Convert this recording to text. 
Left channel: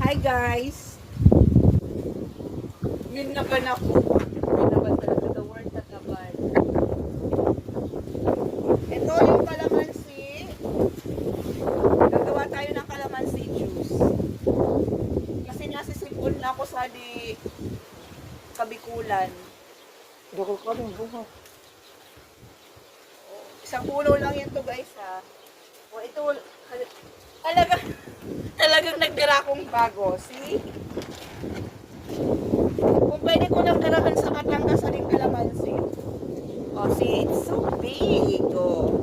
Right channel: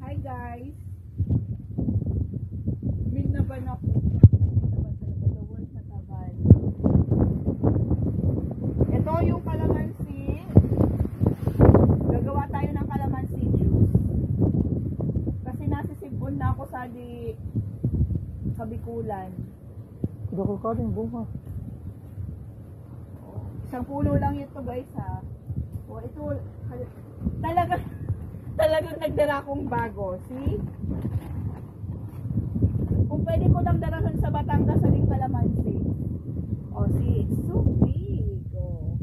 Hi guys! Yun naman ako. Yun naman talaga the word na naman. Ito yung kalamansi. Gagawa tayo ng kalamansi juice. Kasi nasisipon na ako sa di Kabikulan. Hindi ko kaming bunga. Isang puno lang yun to guys ha. O ito talagang nagdala akong bago. See? Kung pwede ko lang dalahan sa Batangas sa ring kalamansi. Oh, see, it's so big. Oh.